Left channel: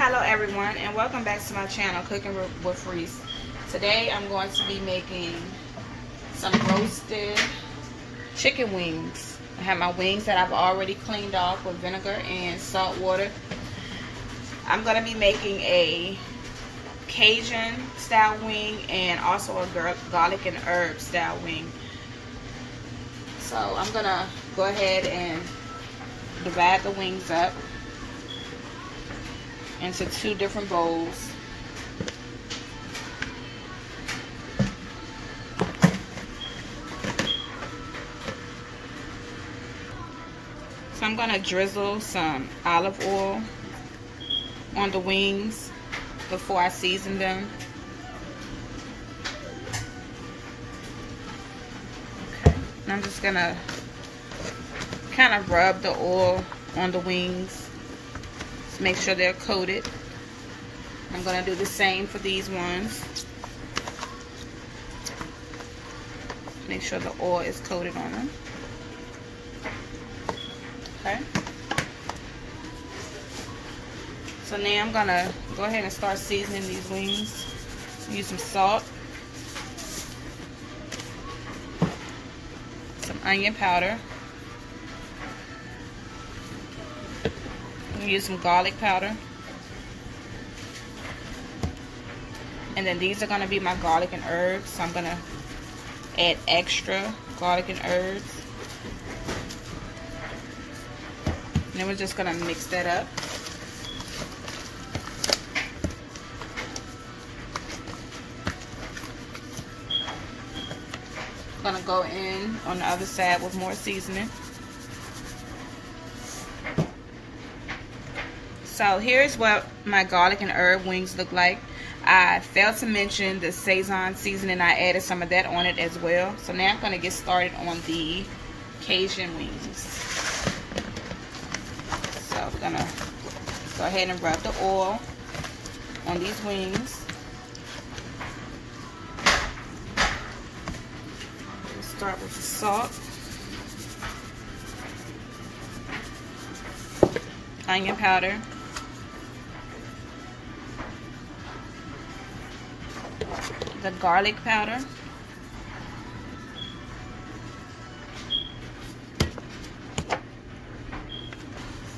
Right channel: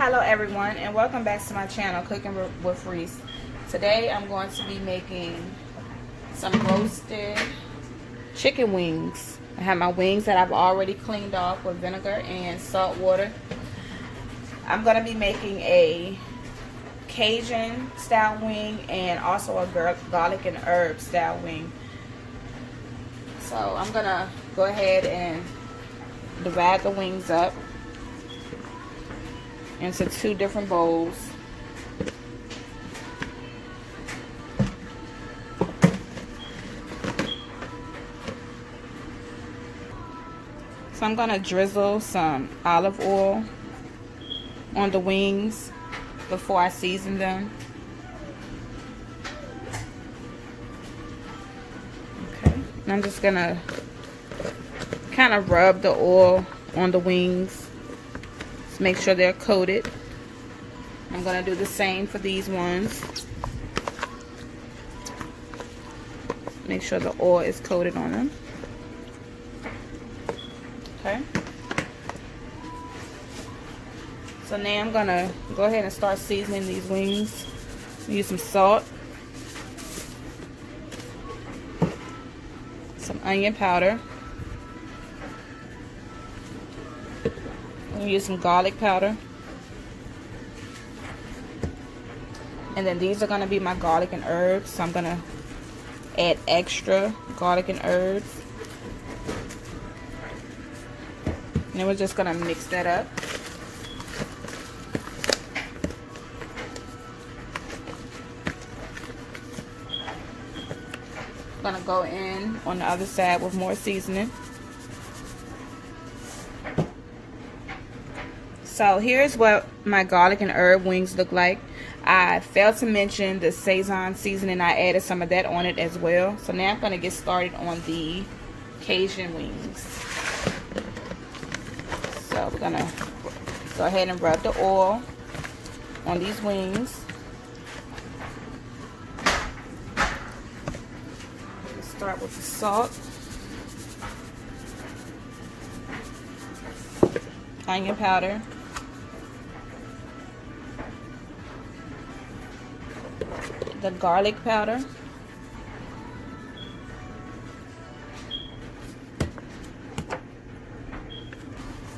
Hello everyone, and welcome back to my channel, Cooking with Reese. Today I'm going to be making some roasted chicken wings. I have my wings that I've already cleaned off with vinegar and salt water. I'm going to be making a Cajun style wing and also a garlic and herb style wing. So I'm going to go ahead and divide the wings up into two different bowls. So I'm going to drizzle some olive oil on the wings before I season them. Okay, and I'm just going to kind of rub the oil on the wings. Make sure they're coated. I'm going to do the same for these ones. Make sure the oil is coated on them. Okay. So now I'm going to go ahead and start seasoning these wings. Use some salt, some onion powder. I'm going to use some garlic powder. And then these are going to be my garlic and herbs. So I'm going to add extra garlic and herbs. And then we're just going to mix that up. I'm going to go in on the other side with more seasoning. So here's what my garlic and herb wings look like. I failed to mention the Cajun seasoning. I added some of that on it as well. So now I'm going to get started on the Cajun wings. So we're going to go ahead and rub the oil on these wings. We'll start with the salt, onion powder, the garlic powder,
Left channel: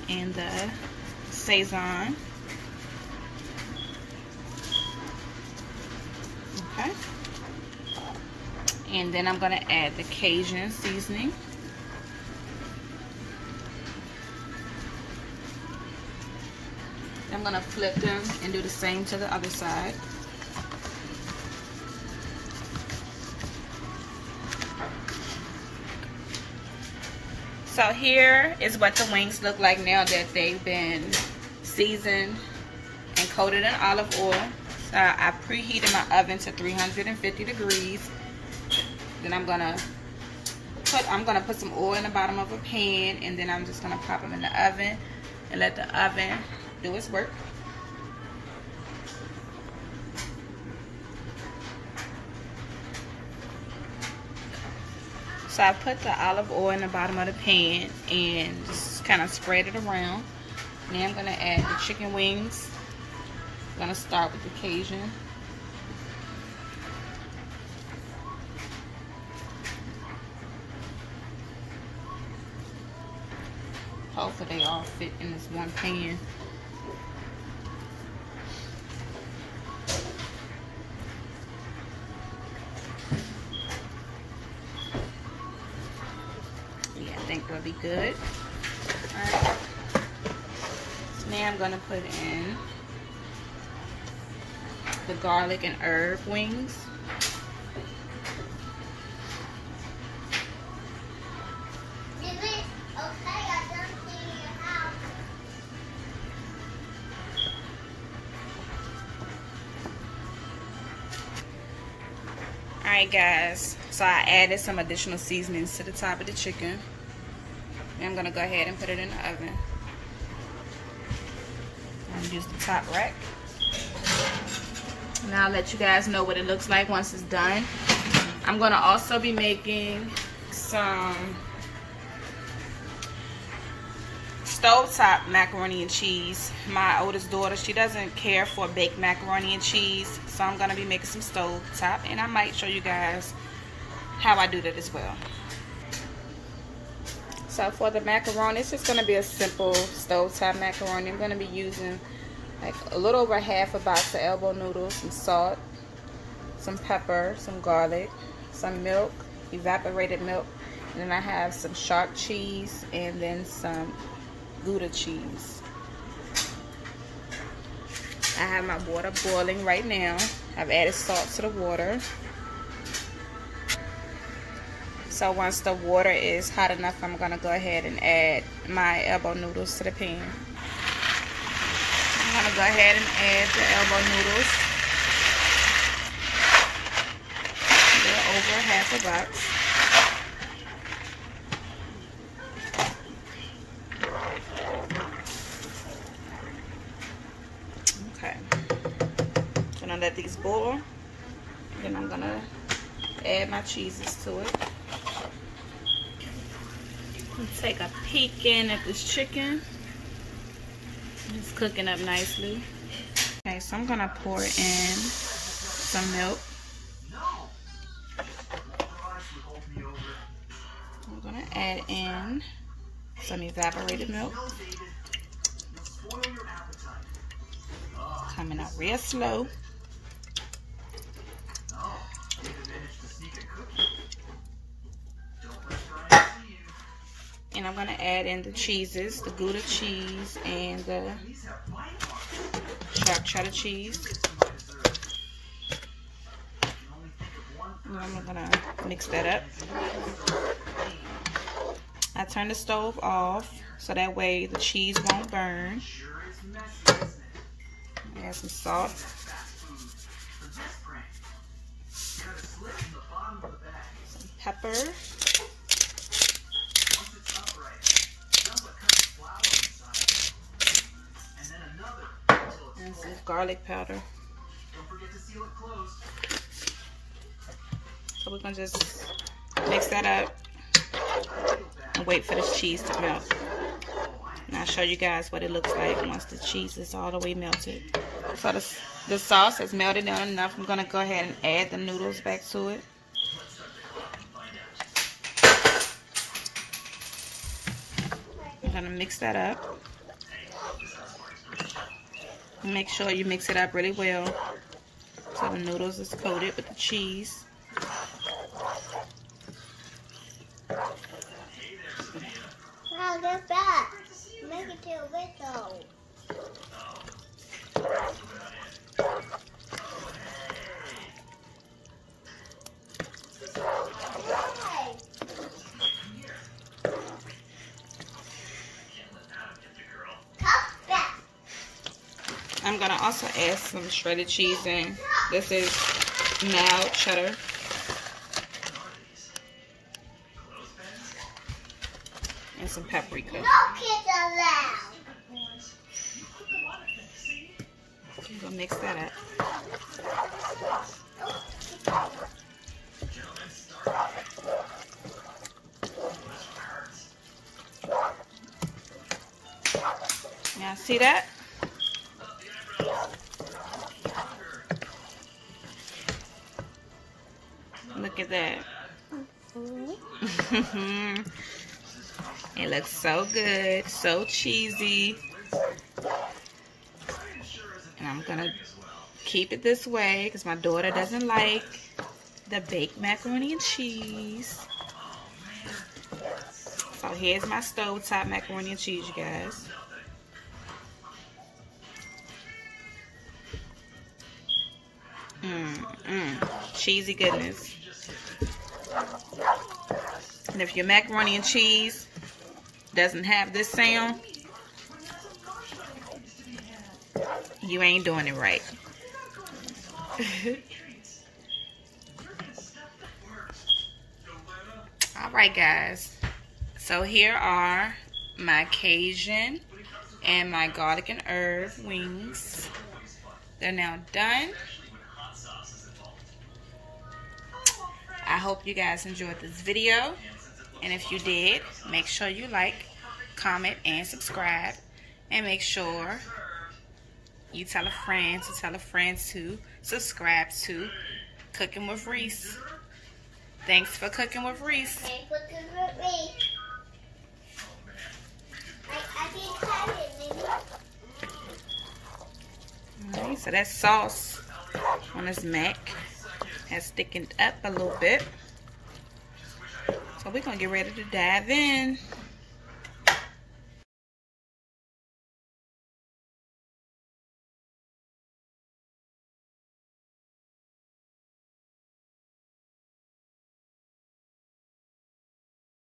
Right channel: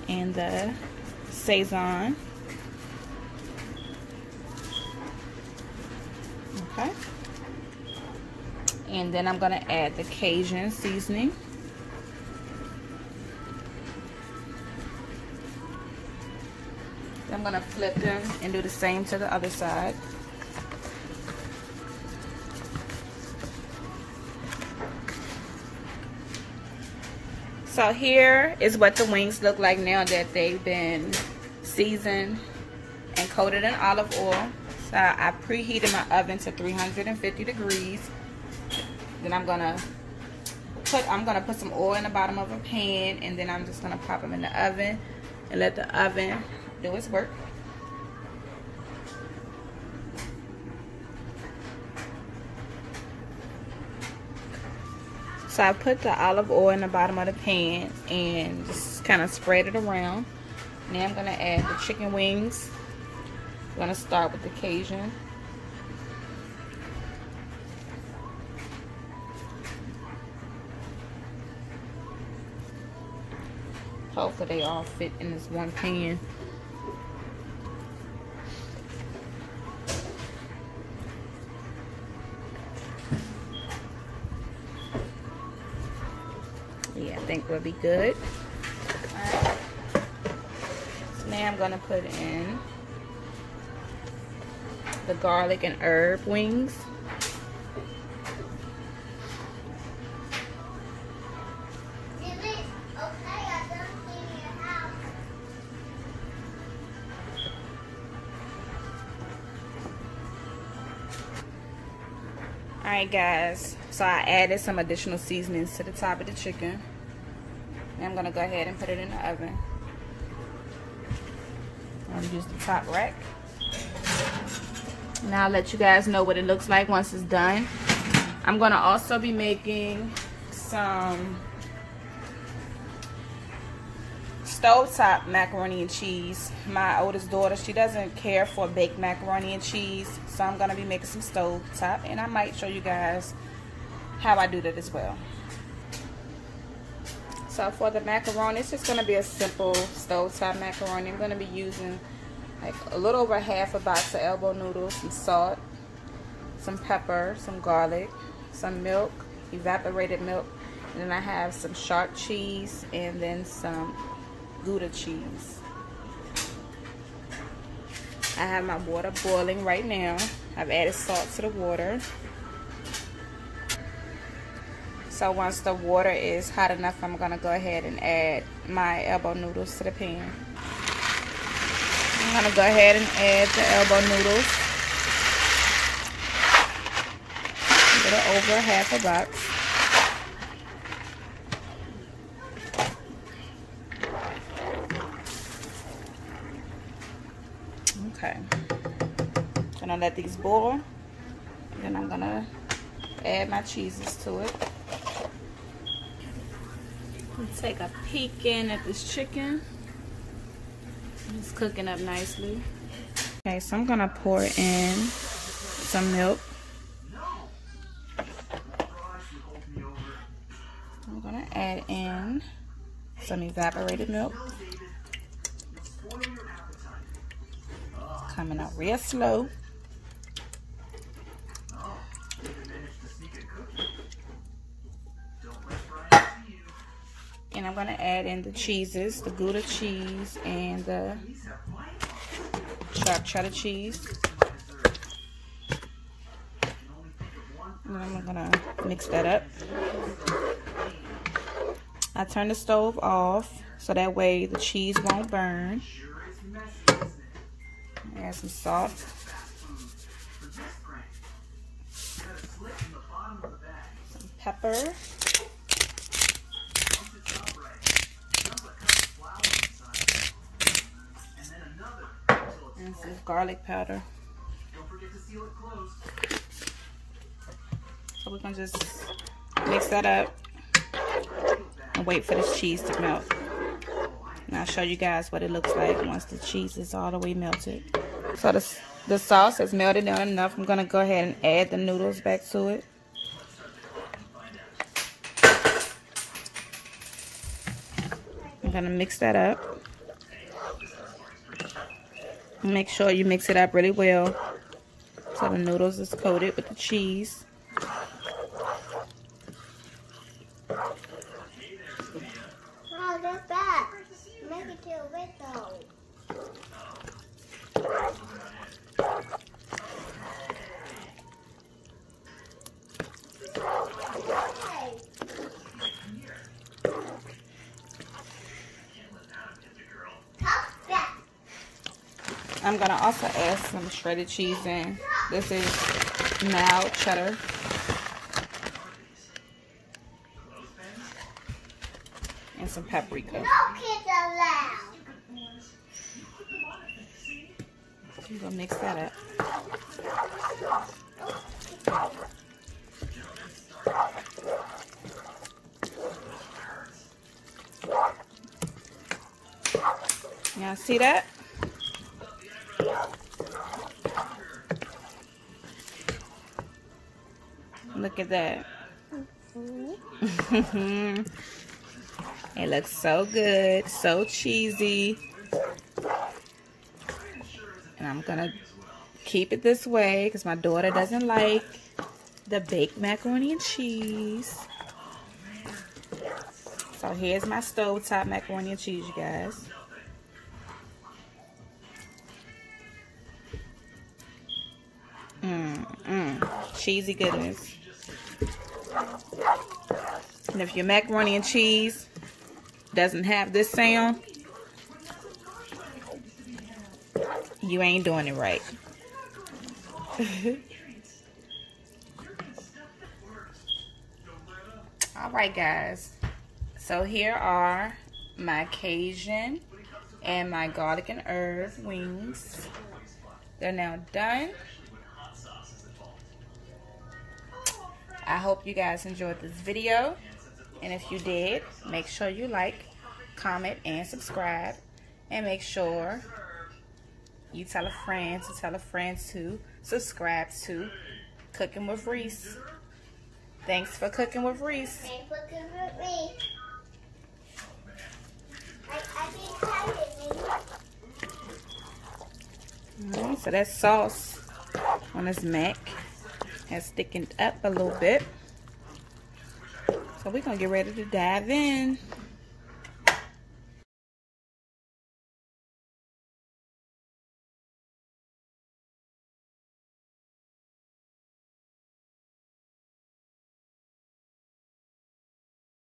and the Cajun. Okay. And then I'm going to add the Cajun seasoning. I'm going to flip them and do the same to the other side. So here is what the wings look like now that they've been seasoned and coated in olive oil. So I preheated my oven to 350 degrees. Then I'm gonna put some oil in the bottom of a pan, and then I'm just gonna pop them in the oven and let the oven do its work. So I put the olive oil in the bottom of the pan and just kind of spread it around. Now I'm going to add the chicken wings. I'm going to start with the Cajun. Hopefully they all fit in this one pan. I think will be good. Alright. So now I'm gonna put in the garlic and herb wings. Alright guys, so I added some additional seasonings to the top of the chicken. I'm going to go ahead and put it in the oven. I'm going to use the top rack. Now I'll let you guys know what it looks like once it's done. I'm going to also be making some stovetop macaroni and cheese. My oldest daughter, she doesn't care for baked macaroni and cheese, so I'm gonna be making some stovetop, and I might show you guys how I do that as well. So for the macaroni, it's just gonna be a simple stovetop macaroni. I'm gonna be using like a little over half a box of elbow noodles, some salt, some pepper, some garlic, some milk, evaporated milk, and then I have some sharp cheese and then some Gouda cheese. I have my water boiling right now. I've added salt to the water. So once the water is hot enough, I'm gonna go ahead and add my elbow noodles to the pan. I'm gonna go ahead and add the elbow noodles. A little over half a box. Okay. Gonna let these boil. Then I'm gonna add my cheeses to it. Take a peek in at this chicken. It's cooking up nicely. Okay, so I'm gonna pour in some milk. I'm gonna add in some evaporated milk. Coming out real slow. And I'm gonna add in the cheeses, the Gouda cheese and the sharp cheddar cheese. And I'm gonna mix that up. I turn the stove off so that way the cheese won't burn. Add some salt. Some pepper. And some garlic powder. So we're gonna just mix that up and wait for this cheese to melt. And I'll show you guys what it looks like once the cheese is all the way melted. So the sauce has melted down enough. I'm gonna go ahead and add the noodles back to it. I'm gonna mix that up. Make sure you mix it up really well so the noodles is coated with the cheese. Wow, they're bad. Make it to a whistle. I'm gonna also add some shredded cheese in. This is mild cheddar. And some paprika. No kids allowed. I'm gonna mix that up. Now see that? Look at that. It looks so good, so cheesy. And I'm gonna keep it this way because my daughter doesn't like the baked macaroni and cheese. So here's my stovetop macaroni and cheese, you guys. Cheesy goodness. And if your macaroni and cheese doesn't have this sound, you ain't doing it right. Alright guys, so here are my Cajun and my garlic and herb wings. They're now done. I hope you guys enjoyed this video, and if you did, make sure you like, comment, and subscribe. And make sure you tell a friend to subscribe to Cooking with Reese. Thanks for cooking with Reese. Thanks for cooking with Reese. I can try it, maybe. Alright, so that sauce on this mac has thickened up a little bit. So we're going to get ready to dive in.